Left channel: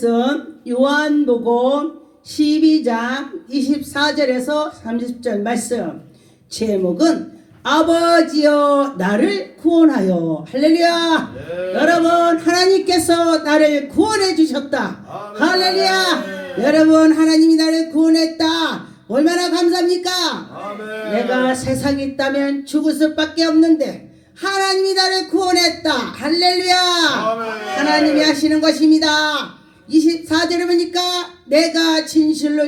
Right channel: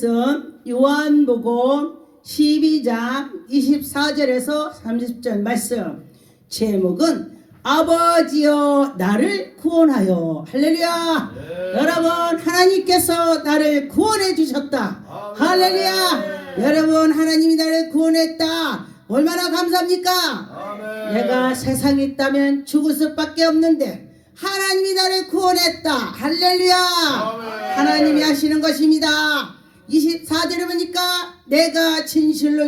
말씀 요한복음 12장 24절에서 30절 말씀 제목은 아버지여 나를 구원하여. 할렐루야. 여러분 하나님께서 나를 구원해 주셨다. 할렐루야. 여러분 하나님이 나를 구원했다. 얼마나 감사합니까? 내가 세상에 있다면 죽을 수밖에 없는데 하나님이 나를 구원했다. 할렐루야. 하나님이 하시는 것입니다. 24절에 보니까 내가 진실로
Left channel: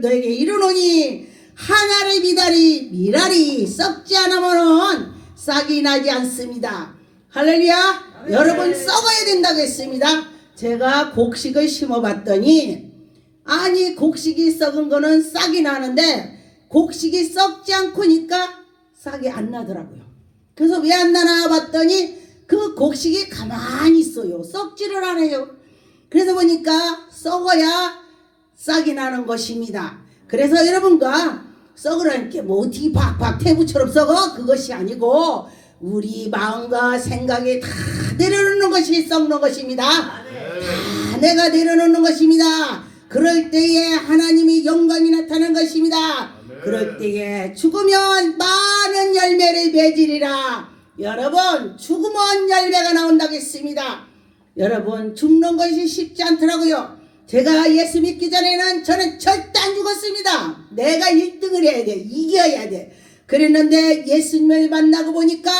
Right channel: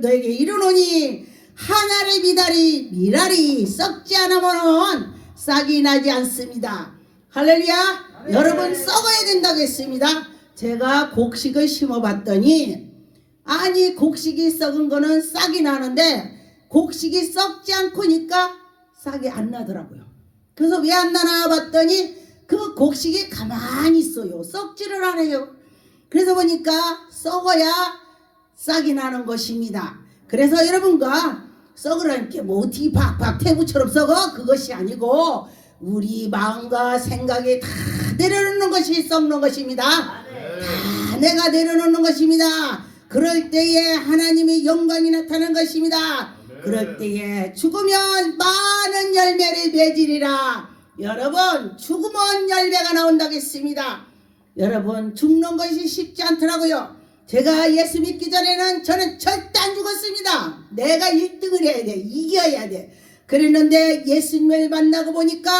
너에게 이르노니 하나의 미랄이 썩지 않으면 싹이 나지 않습니다. 할렐루야. 여러분 썩어야 된다고 했습니다. 제가 곡식을 심어봤더니 아니 곡식이 썩은 거는 싹이 나는데 곡식이 썩지 않고니까 싹이 안 나더라고요. 그래서 왜 안 나나 봤더니 그 곡식이 가만히 있어요. 썩지를 않아요. 그래서 보니까 썩어야 싹이 나는 것입니다. 그래서 여러분과 썩으라는 게 뭐 어떻게 박박 태구처럼 썩어? 그것이 아니고 우리 마음과 생각이 다 내려놓는 것이 썩는 것입니다. 다 내가 내려놓는 것입니다. 그럴 때에 하나님의 영광이 나타나는 것입니다. 그럴 때에 죽으면 많은 열매를 맺으리라. 여러분 죽으면 열매가 나온다고 했습니다. 여러분 죽는 것이 쉽지 않더라고요. 제가 예수 믿기 전에는 저는 절대 안 죽었습니다. 내가 1등을 해야 돼. 이겨야 돼. 그랬는데 예수님을 만나고 보니까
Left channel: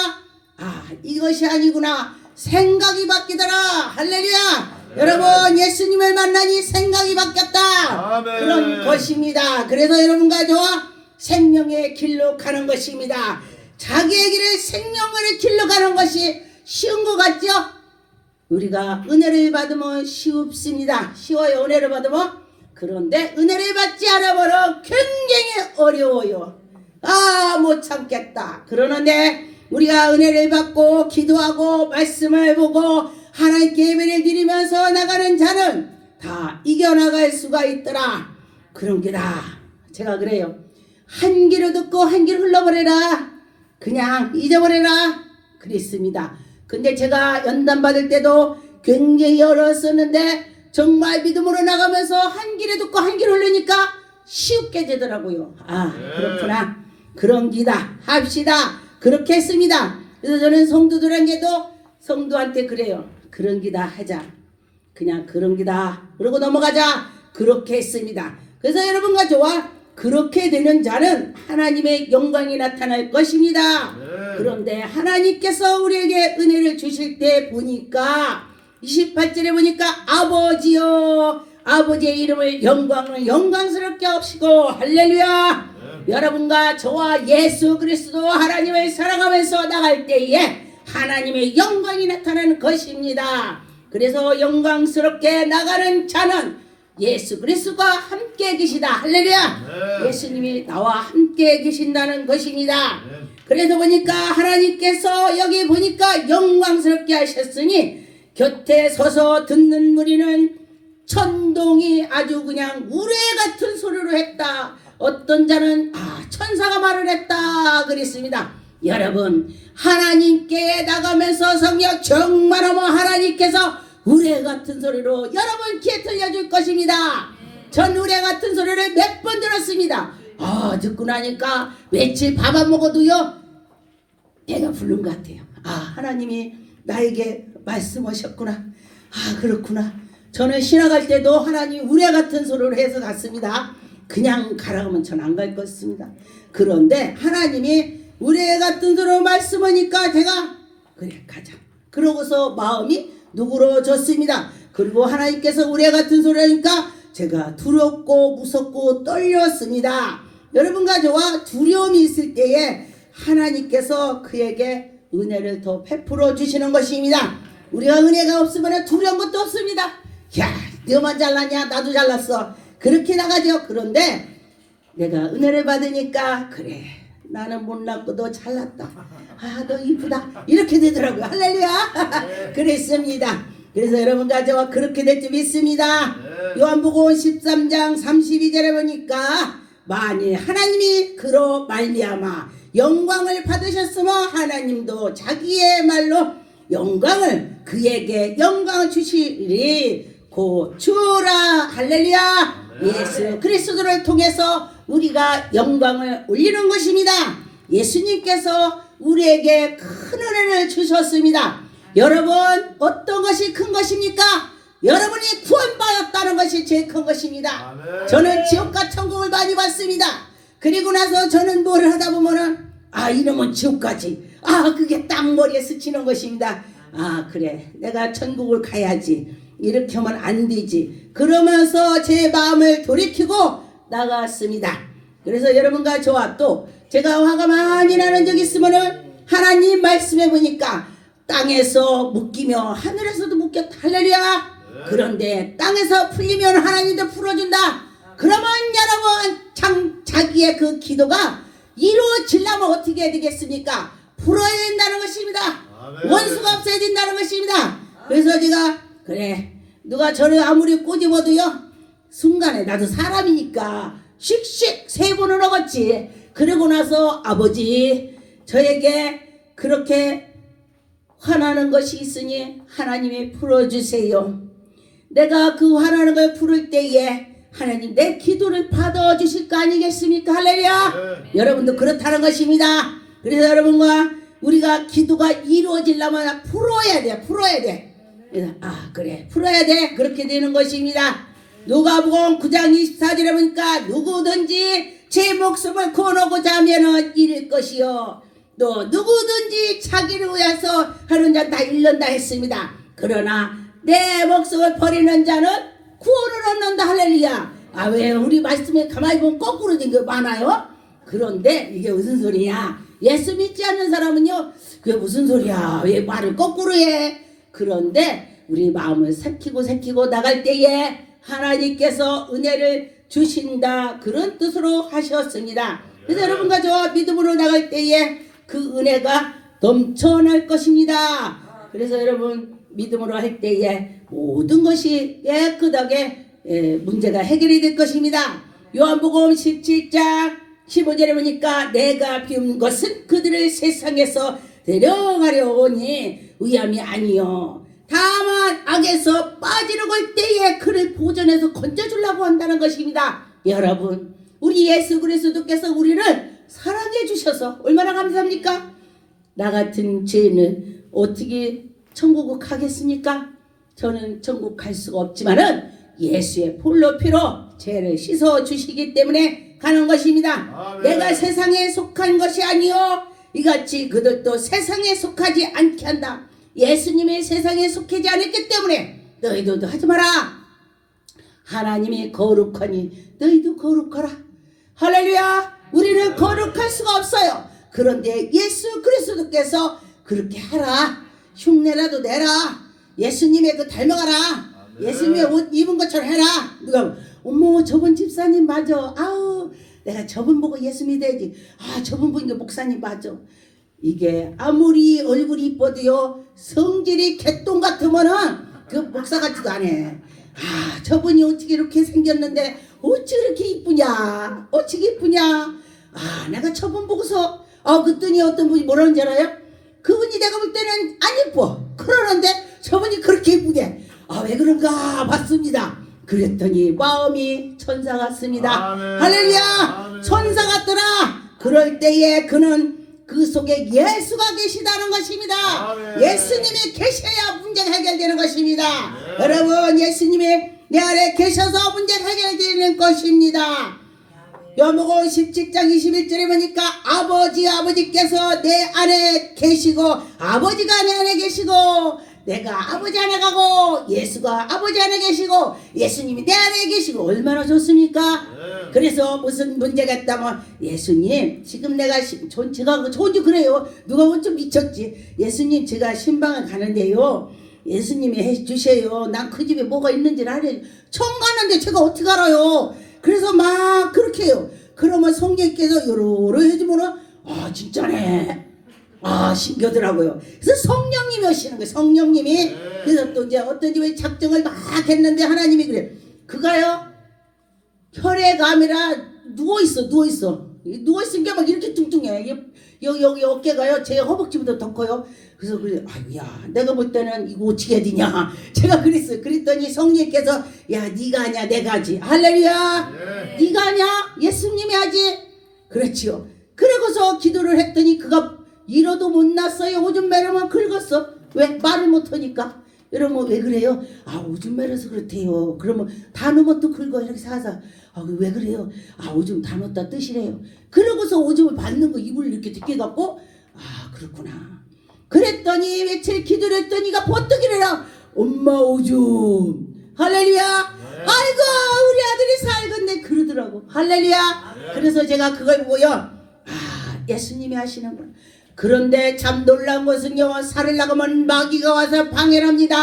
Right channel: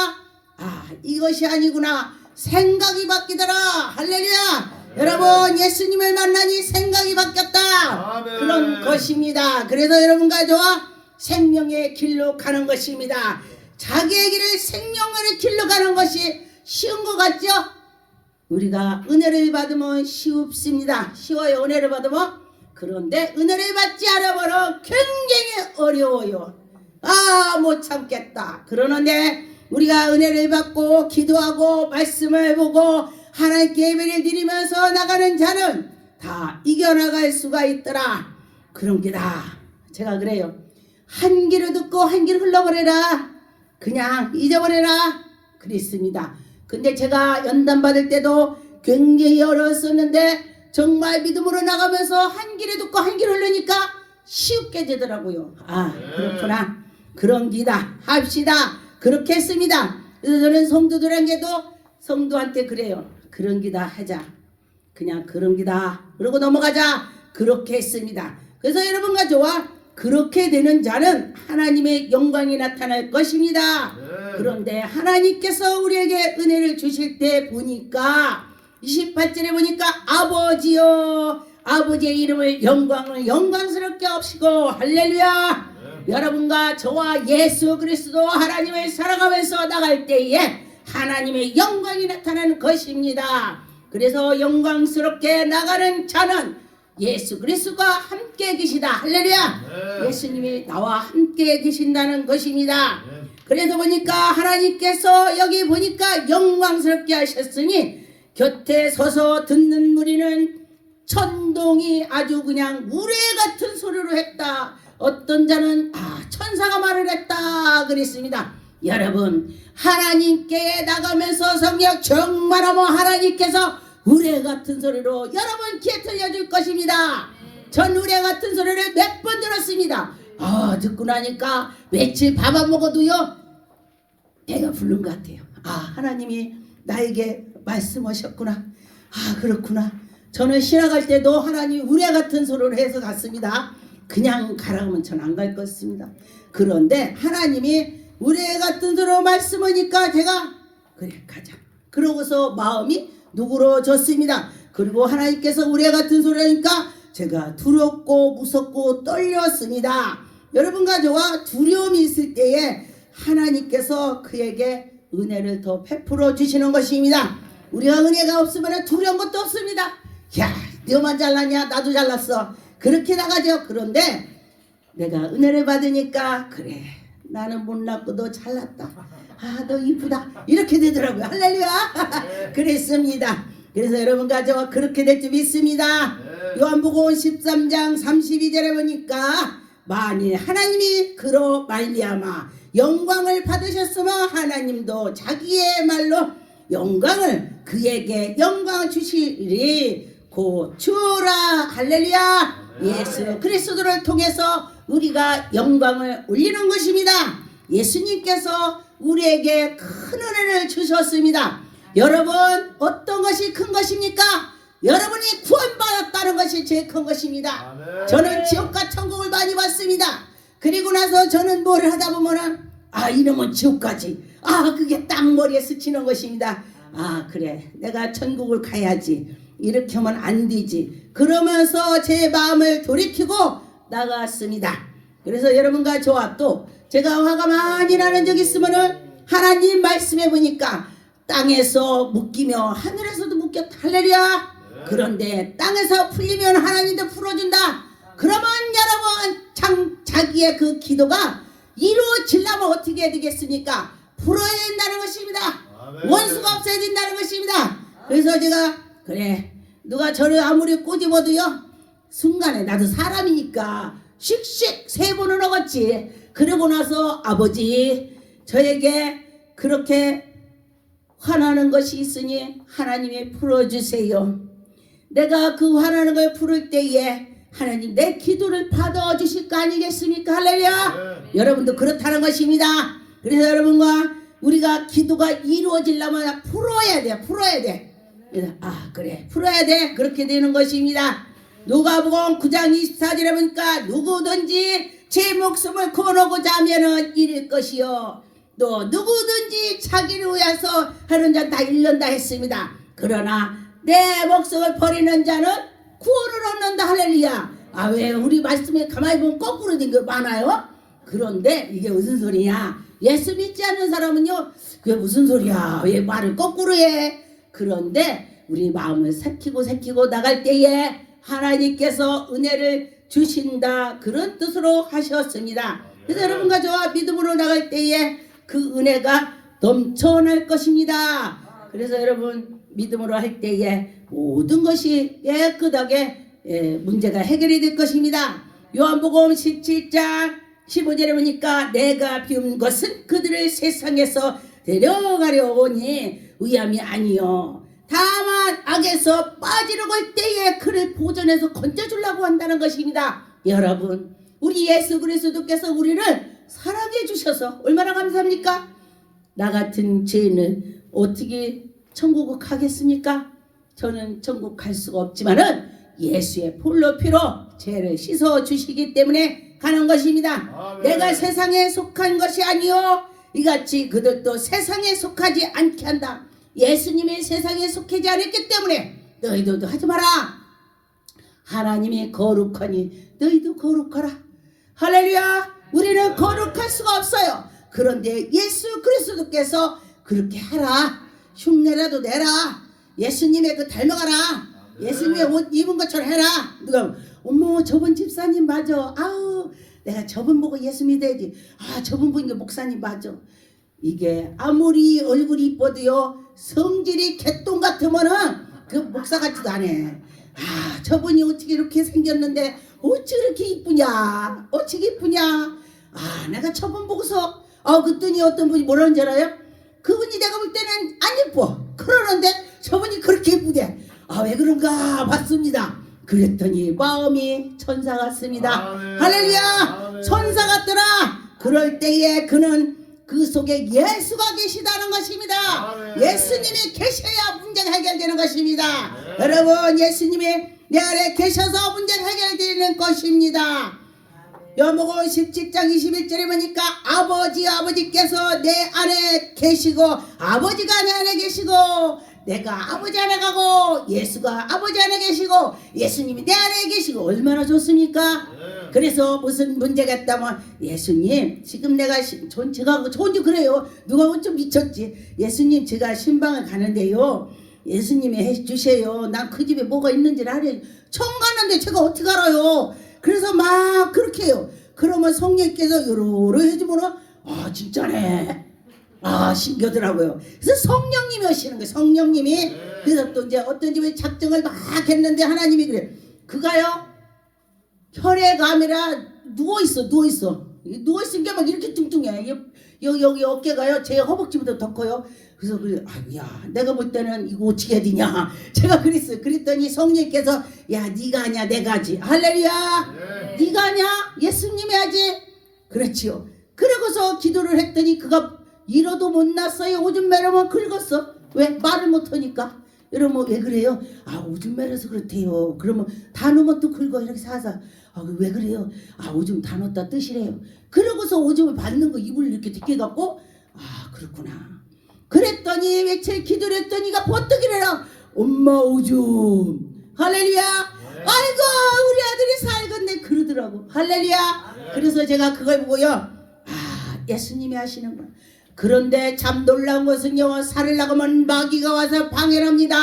아 이것이 아니구나. 생각이 바뀌더라. 할렐루야. 여러분 예수님을 만나니 생각이 바뀌었다. 그런 것입니다. 그래서 여러분과 저와 생명의 길로 가는 것입니다. 자기의 길을 생명의 길로 가는 것이 쉬운 것 같죠? 우리가 은혜를 받으면 쉽습니다. 쉬워요. 은혜를 받으면. 그런데 은혜를 받지 않아버려 굉장히 어려워요. 아 못 참겠다. 그러는데 우리가 은혜를 받고 기도하고 말씀을 보고 하나님께 예배를 드리면서 나가는 자는 다 이겨나갈 수가 있더라. 그런 게다. 제가 그래요. 한 귀로 듣고 한 귀로 흘러버려라. 그냥 잊어버려라. 그랬습니다. 근데 제가 연단 받을 때도 굉장히 어려웠었는데 정말 믿음으로 나가면서 한 귀로 듣고 한 귀로 흘리니까 쉽게 되더라고요. 아 그렇구나. 그런 기다 합시다. 그렇게 했습니다. 그래서 저는 성도들에게도 성도한테 그래요. 그런 기다 하자. 그냥 그런 기다. 그러고 넘어가자. 그렇게 했습니다. 그래서 여러분과 저와 그렇게 되는 자는 하나님의 영광이 나타날 것입니다. 그런데 하나님께서 우리에게 은혜를 주실 때 보니까 28절에 보니까 아버지여 아버지의 이름을 영광스럽게 하시고 할렐루야. 여러분과 저와 예수 그리스도 하나님을 사랑하면서 나갈 때에 하나님의 영광이 나타나는 것입니다. 그래서 영광스럽게 나가는 자는 예수 그리스도가 함께 계시다. 할렐루야. 예수님이 나와 함께 계신다는 것입니다. 그래서 보니까 하나님께서 여기 보니까 영광스럽게 하셨으니 곁에 서서 듣는 무리는 천동이 아주 그냥 우레 같은 소리로 했다. 어떤 자는 천사가 말을 했다 그랬습니다. 여러분 하나님께 나가면서 성령 정말하면 하나님께서 우레 같은 소리로 여러분 귀에 들려줄 것입니다. 전 우레 같은 소리를 몇 번 들었습니다. 듣고 나니까 며칠 밥 안 먹어도요 배가 부른 것 같아요. 하나님이 나에게 말씀하셨구나. 그렇구나. 저는 신학할 때도 하나님 우레 같은 소리를 해서 갔습니다. 그냥 가라고 하면 전 안 갈 것 같습니다. 그런데 하나님이 우레 같은 소리로 말씀하니까 제가 그래 가자. 그러고서 마음이 누그러졌습니다. 그리고 하나님께서 우레 같은 소리니까 제가 두렵고 무섭고 떨렸습니다. 여러분과 저와 두려움이 있을 때에 하나님께서 그에게 은혜를 더 베풀어 주시는 것입니다. 우리가 은혜가 없으면 두려운 것도 없습니다. 야 너만 잘났냐 나도 잘났어. 그렇게 나가죠. 그런데 내가 은혜를 받으니까 그래 나는 못났고도 잘났다. 너 이쁘다. 이렇게 되더라고요. 할렐루야. 그랬습니다. 그래서 여러분과 저와 그렇게 될 줄 믿습니다. 요한복음 13장 32절에 보니까 만일 하나님이 그로 말미암아 영광을 받으셨으면 하나님도 자기의 말로 영광을 그에게 영광을 주시리. 고추라. 할렐루야. 예수 그리스도를 통해서 우리가 영광을 올리는 것입니다. 예수님께서 우리에게 큰 은혜를 주셨습니다. 여러분, 어떤 것이 큰 것입니까? 여러분이 구원받았다는 것이 제일 큰 것입니다. 저는 지옥과 천국을 많이 봤습니다. 그리고 나서 저는 뭘 하다 보면은 이놈은 지옥까지, 그게 딱 머리에 스치는 것입니다. 그래, 내가 천국을 가야지, 이렇게 하면 안 되지, 그러면서 제 마음을 돌이키고 나갔습니다. 그래서 여러분과 저와 또 제가 화가 많이 나는 적이 있으면은 하나님 말씀해 보니까 땅에서 묶이며 하늘에서도 묶였다. 할렐루야. 그런데 땅에서 풀리면 하나님도 풀어준다. 그러면 여러분, 자기의 그 기도가 이루어지려면 어떻게 해야 되겠습니까? 풀어야 된다는 것입니다. 원수가 없어야 된다는 것입니다. 그래서 제가 그래, 누가 저를 아무리 꼬집어도요, 순간에 나도 사람이니까 씩씩 세 번은 먹었지. 그러고 나서 아버지, 저에게 그렇게 화나는 것이 있으니 하나님이 풀어주세요. 내가 그 화나는 걸 풀을 때에 하나님 내 기도를 받아주실 거 아니겠습니까? 할렐루야. 여러분도 그렇다는 것입니다. 그래서 여러분과 우리가 기도가 이루어지려면 풀어야 돼. 풀어야 돼. 그래, 풀어야 돼. 그렇게 되는 것입니다. 누가복음 9장 24절에 보니까 누구든지 제 목숨을 거놓고자 하면은 잃을 것이요, 또 누구든지 자기를 위해서 하는 자 다 잃는다 했습니다. 그러나 내 목숨을 버리는 자는 구원을 얻는다. 할렐루야. 왜 우리 말씀에 가만히 보면 거꾸로 된 게 많아요? 그런데 이게 무슨 소리야? 예수 믿지 않는 사람은요, 그게 무슨 소리야? 왜 말을 거꾸로 해? 그런데 우리 마음을 새키고 나갈 때에 하나님께서 은혜를 주신다, 그런 뜻으로 하셨습니다. 그래서 여러분과 저와 믿음으로 나갈 때에 그 은혜가 넘쳐날 것입니다. 그래서 여러분, 믿음으로 할 때에 모든 것이 깨끗하게 문제가 해결이 될 것입니다. 요한복음 17장 15절에 보니까 내가 비운 것은 그들을 세상에서 데려가려 오니 의함이 아니요, 다만 악에서 빠지려고 할 때에 그를 보존해서 건져주려고 한다는 것입니다. 여러분, 우리 예수 그리스도께서 우리를 사랑해 주셔서 얼마나 감사합니까? 나 같은 죄는 어떻게 천국을 가겠습니까? 저는 천국 갈 수가 없지만은 예수의 볼로 피로 죄를 씻어 주시기 때문에 가는 것입니다. 내가 세상에 속한 것이 아니요, 이같이 그들도 세상에 속하지 않게 한다. 예수님이 세상에 속하지 않았기 때문에 너희들도 하지 마라. 하나님이 거룩하니 너희도 거룩하라. 할렐루야. 우리는 거룩할 수가 없어요. 그런데 예수 그리스도께서 그렇게 하라. 흉내라도 내라. 예수님의 그 닮아가라. 예수님의 옷 입은 것처럼 해라. 누가 어머, 저분 집사님 맞아. 내가 저분 보고 예수 믿어야지. 저분 보니까 목사님 맞아. 이게 아무리 얼굴이 이뻐도요, 성질이 개똥 같으면은 그 목사 같지도 않아. 저분이 어떻게 이렇게 생겼는데 어찌 이렇게 이쁘냐, 어찌 이쁘냐. 내가 저분 보고서 그랬더니 어떤 분이 뭐라는 줄 알아요? 그분이 내가 볼 때는 안 이뻐. 그러는데 저분이 그렇게 이쁘대. 왜 그런가 봤습니다. 그랬더니 마음이 천사 같습니다. 할렐루야. 천사 같더라. 그럴 때에 그는 그 속에 예수가 계시다는 것입니다. 예수님이 계셔야 문제가 해결되는 것입니다. 여러분, 예수님이 내 안에 계셔서 문제가 해결되는 것입니다. 요한복음 17장 21절에 보니까 아버지께서 내 안에 계시고 아버지가 내 안에 계시고 내가 아버지 안에 가고 예수가 아버지 안에 계시고 예수님이 내 안에 계시고 얼마나 좋습니까? 그래서 무슨 문제가 있다면 예수님, 지금 내가 제가 좋은지 그래요. 누가 보면 좀 미쳤지. 예수님, 제가 신방을 가는데요, 예수님이 해주세요. 난 그 집에 뭐가 있는지를 알아요. 처음 가는데 제가 어떻게 알아요? 그래서 막 그렇게 해요. 그러면 성령께서 요로로 해주면은 진짜네. 신기하더라고요. 그래서 성령님이 오시는 거예요. 성령님이. 그래서 또 이제 어떤 집에 작정을 막 했는데 하나님이 그래. 그가요, 혈액암이라 누워있어. 누워있은 게 막 이렇게 뚱뚱해. 여기 어깨가요 제 허벅지보다 더 커요. 그래서 그래, 아유야 내가 볼 때는 이거 어떻게 해야 되냐 제가 그랬어요. 그랬더니 성령께서 야 네가 하냐 내가 하지. 할렐루야. 네가 하냐 예수님이 하지. 그렇지요. 그러고서 기도를 했더니 그가 이러도 못 났어요. 오줌 매려면 긁었어. 왜? 말을 못하니까. 여러분 왜 그래요? 오줌 매려서 그렇대요. 그러면 다 넣으면 또 긁어 이렇게 사서. 왜 그래요? 오줌 다 넣었다 뜻이래요. 그러고서 오줌을 받는 거 입을 이렇게 뒷게 갖고 그렇구나. 그랬더니 며칠 기도를 했더니가 버뜩이래라. 엄마 오줌. 할렐루야. 아이고 우리 아들이 살겠네 그러더라고. 할렐루야. 그래서 제가 그걸 보고요. 예수님이 하시는구나. 그런데 참 놀라운 것은요. 살을 나가면 마귀가 와서 방해를 합니다.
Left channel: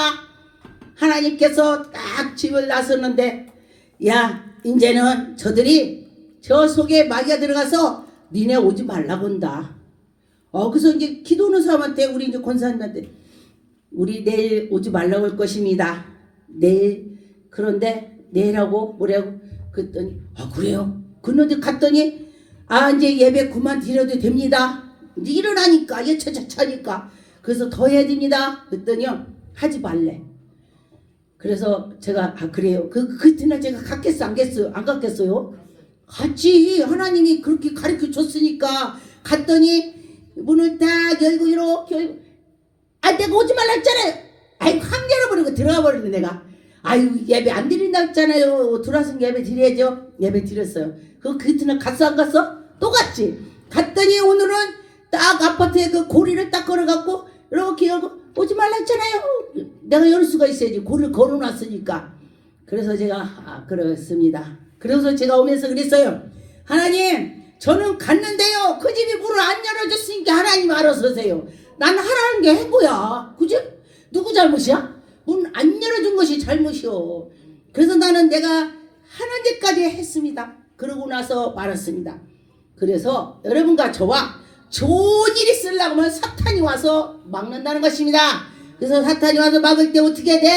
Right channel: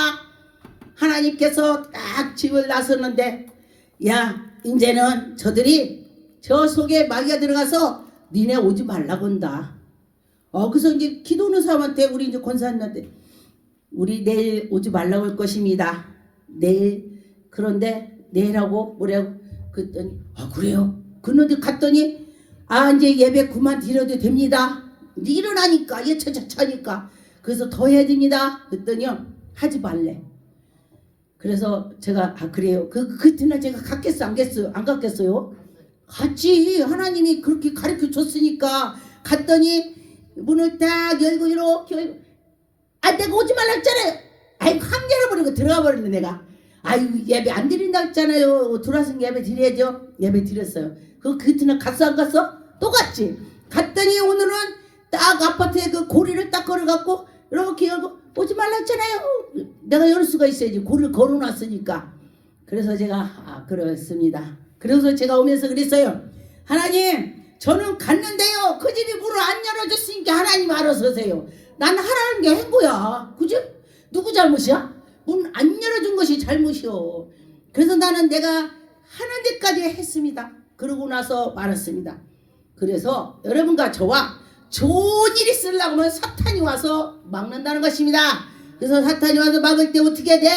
하나님께서 딱 집을 나섰는데 야 이제는 저들이 저 속에 마귀가 들어가서 니네 오지 말라고 한다. 그래서 이제 기도하는 사람한테 우리 이제 권사님한테 우리 내일 오지 말라고 할 것입니다. 내일. 그런데 내일하고 뭐라고 그랬더니 그래요. 그런데 갔더니 이제 예배 그만 드려도 됩니다. 이제 일어나니까 차니까 그래서 더 해야 됩니다. 그랬더니요 하지 말래. 그래서 제가 그래요. 그때는 제가 갔겠어 안 갔겠어요? 안 갔겠어요? 갔지. 하나님이 그렇게 가르쳐 줬으니까 갔더니 문을 딱 열고 이렇게 내가 오지 말라 했잖아요. 확 열어버리고 들어가 버렸네 내가. 예배 안 드린다 했잖아요. 들어와서 예배 드려야죠. 예배 드렸어요. 그때는 갔어 안 갔어? 또 갔지. 갔더니 오늘은 딱 아파트에 그 고리를 딱 걸어갖고 이렇게 열고 오지 말라 했잖아요. 내가 열 수가 있어야지. 고리를 걸어놨으니까. 그래서 제가 그랬습니다. 그래서 제가 오면서 그랬어요. 하나님 저는 갔는데요. 그 집이 문을 안 열어줬으니까 하나님 알아서 하세요. 난 하라는 게 행보야. 그지? 누구 잘못이야? 문 안 열어준 것이 잘못이요. 그래서 나는 내가 하는 데까지 했습니다. 그러고 나서 말았습니다. 그래서 여러분과 저와 좋은 일이 쓰려고 하면 사탄이 와서 막는다는 것입니다. 그래서 사탄이 와서 막을 때 어떻게 돼?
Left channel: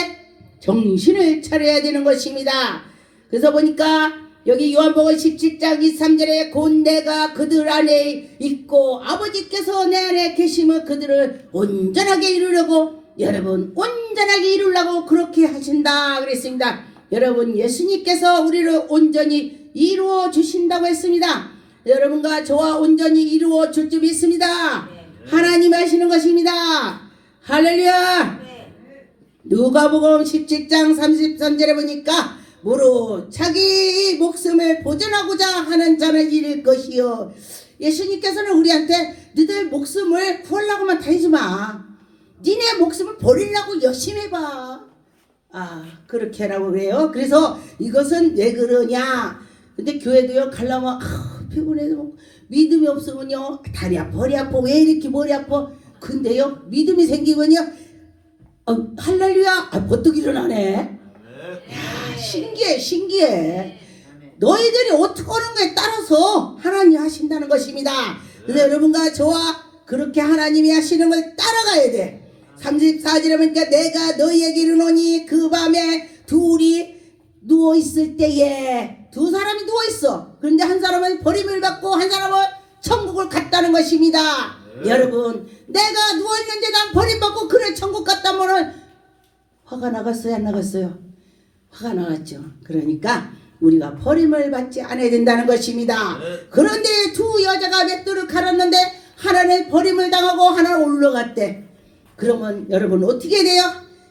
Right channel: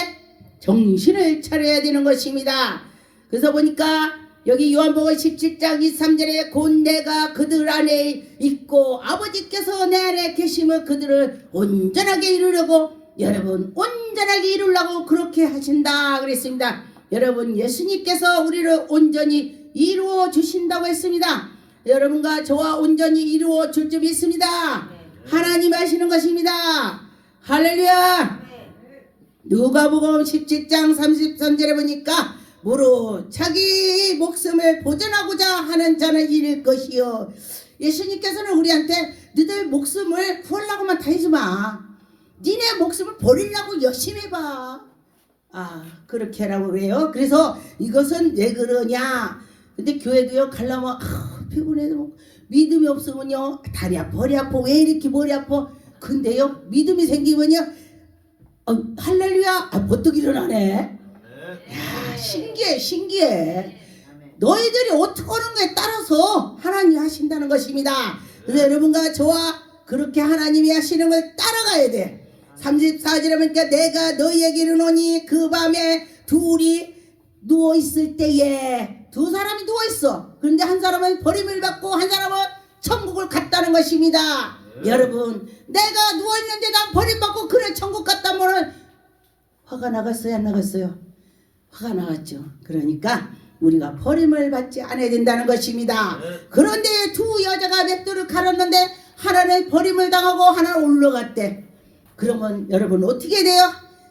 정신을 차려야 되는 것입니다. 그래서 보니까 여기 요한복음 17장 23절에 곧 내가 그들 안에 있고 아버지께서 내 안에 계시면 그들을 온전하게 이루려고 여러분 온전하게 이루려고 그렇게 하신다 그랬습니다. 여러분 예수님께서 우리를 온전히 이루어 주신다고 했습니다. 여러분과 저와 온전히 이루어 줄 줄 믿습니다. 하나님 하시는 것입니다. 할렐루야. 누가복음 17장 33절에 보니까 무릇 자기 목숨을 보존하고자 하는 자는 잃을 것이요. 예수님께서는 우리한테 너희들 목숨을 구하려고만 다니지 마. 니네 목숨을 버리려고 열심히 해봐. 그렇게 하라고 그래요. 그래서 이것은 왜 그러냐. 근데 교회도요 가려면 피곤해서 믿음이 없으면요 다리 아파 머리 아파 왜 이렇게 머리 아파. 근데요 믿음이 생기면요 할렐루야 버뜩 일어나네. 야 신기해. 너희들이 어떻게 하는 거에 따라서 하나님이 하신다는 것입니다. 그래서 여러분과 저와 그렇게 하나님이 하시는 걸 따라가야 돼. 34절에 보니까 내가 너희에게 이르노니 그 밤에 둘이 누워있을 때에 두 사람이 누워있어. 그런데 한 사람은 버림을 받고 한 사람은 천국을 갔다는 것입니다. 여러분 내가 누워있는데 난 버림받고 그래 천국 갔다면은 화가 나갔어요 안 나갔어요? 화가 나갔죠. 그러니까 우리가 버림을 받지 않아야 된다는 것입니다. 그런데 두 여자가 맷돌을 갈았는데 하나는 버림을 당하고 하나는 올라갔대. 그러면 여러분 어떻게 돼요?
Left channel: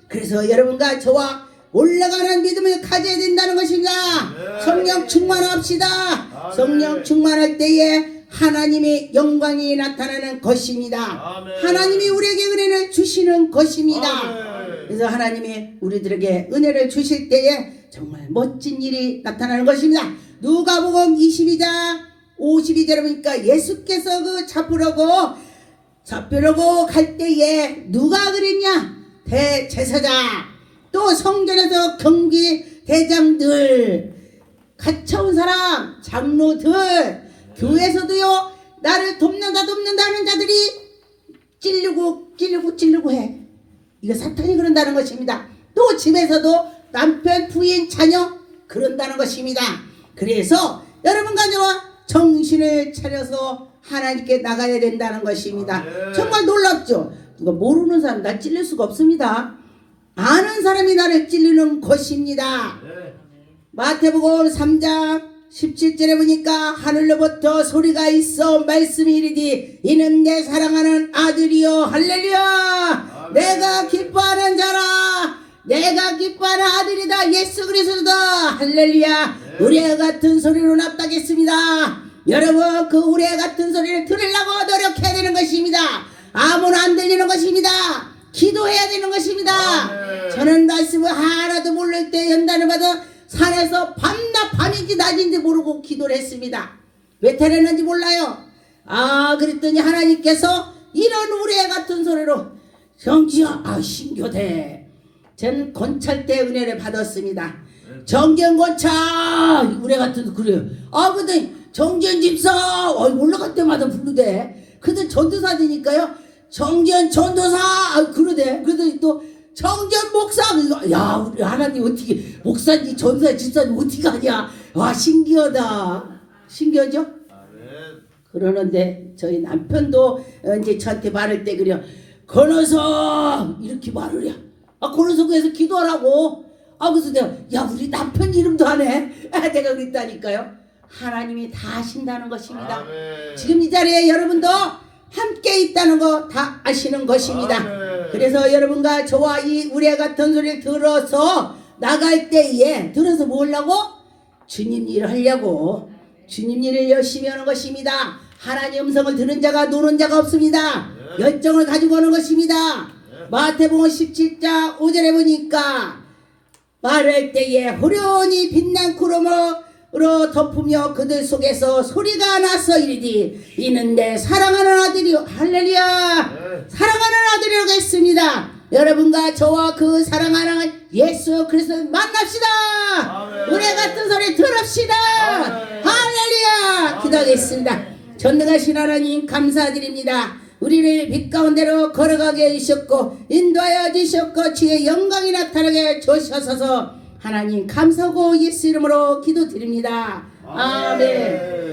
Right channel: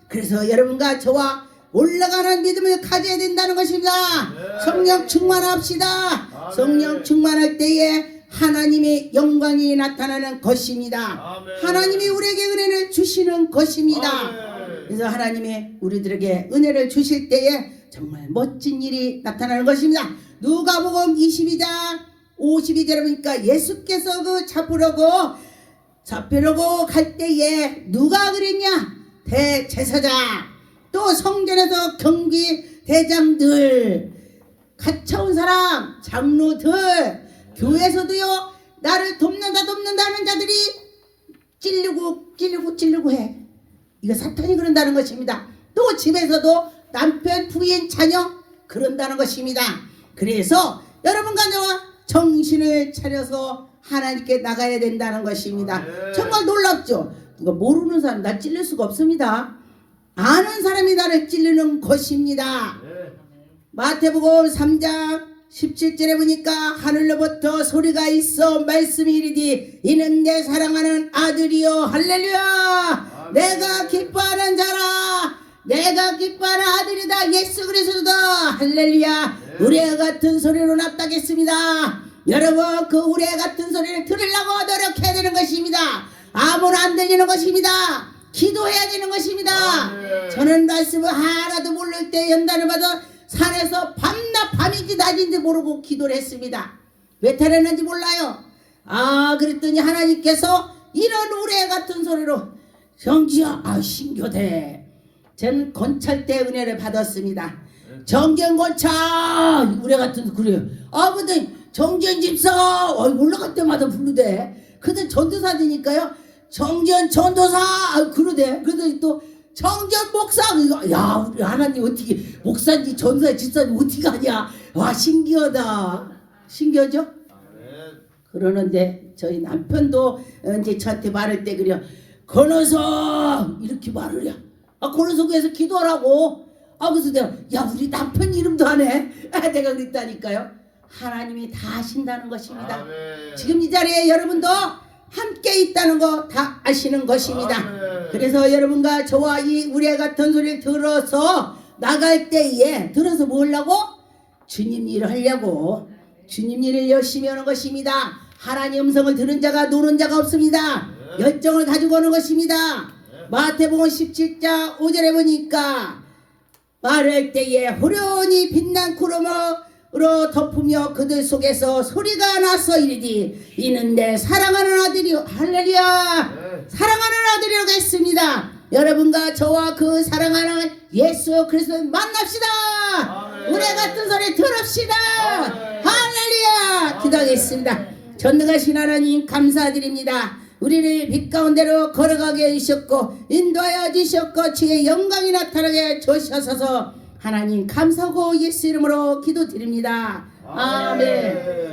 그래서 여러분과 저와 올라가는 믿음을 가져야 된다는 것입니다. 성령 충만합시다. 성령 충만할 때에 하나님의 영광이 나타나는 것입니다. 하나님이 우리에게 은혜를 주시는 것입니다. 그래서 하나님이 우리들에게 은혜를 주실 때에 정말 멋진 일이 나타나는 것입니다. 누가복음 22장 52절에 보니까 예수께서 그 잡으려고 갈 때에 누가 그랬냐? 대제사장 또 성전에서 경비 대장들 갇혀온 사람 장로들 교회에서도요 나를 돕는다 하는 자들이 찔르고 해. 이거 사탄이 그런다는 것입니다. 또 집에서도 남편 부인 자녀 그런다는 것입니다. 그래서 여러분과 저와 정신 정신을 차려서 하나님께 나가야 된다는 것입니다. 정말 놀랍죠? 누가 모르는 사람 나 찔릴 수가 없습니다. 아는 사람이 나를 찔리는 것입니다. 마태복음 3장 17절에 보니까 하늘로부터 소리가 있어 말씀이 이르되 이는 내 사랑하는 아들이요 할렐루야 내가 기뻐하는 자라 내가 기뻐하는 아들이다 예수 그리스도다 할렐루야 우리와 같은 소리로 납득했습니다. 여러분 그 우리와 같은 소리를 들으려고 노력해야 되는 것입니다. 아무나 안 들리는 것입니다. 기도해야 되는 것입니다. 저는 말씀을 하나도 모를 때 연단을 받아 산에서 밤낮 밤인지 낮인지 모르고 기도를 했습니다. 왜 태어났는지 몰라요. 그랬더니 하나님께서 이런 우레 같은 소리로 정지야 신교대 전 건찰 때 은혜를 받았습니다. 정견건찰 우레 같은 그래요. 근데 정전 집사 올라갈 때마다 부르대. 근데 전도사니까요. 정전 전도사 그러대. 그래서 또 정전 목사 야 우리 하나님 어떻게 목사인지 전도사 집사님 어떻게 하냐. 와 신기하다. 신기하죠? 그러는데 저희 남편도 이제 저한테 말할 때 그래요. 건어서 이렇게 말을 해. 건어서에서 기도하라고. 그래서 내가 야 우리 남편 이름도 하네. 내가 그랬다니까요. 하나님이 다 아신다는 것입니다. 아멘. 지금 이 자리에 여러분도 함께 있다는 거 다 아시는 것입니다. 아멘. 그래서 여러분과 저와 이 우레 같은 소리를 들어서 나갈 때에 들어서 뭐 하려고? 주님 일을 하려고 주님 일을 열심히 하는 것입니다. 하나님 음성을 들은 자가 노는 자가 없습니다. 열정을 가지고 오는 것입니다. 마태복음 17장 5절에 보니까 말할 때에 호련히 빛난 구름으로 덮으며 그들 속에서 소리가 나서 이르디 이는 내 사랑하는 아들이요 할렐루야 사랑하는 아들이라고 했습니다. 여러분과 저와 그 사랑하는 예수 그리스도 만납시다. 우레 같은 소리 들읍시다. 할렐루야 기도하겠습니다. 전능하신 하나님 감사드립니다. 우리를 빛 가운데로 걸어가게 해주셨고 인도하여 주셨고 주의 영광이 나타나게 주셔서 하나님 감사하고 예수 이름으로 기도드립니다. 아멘.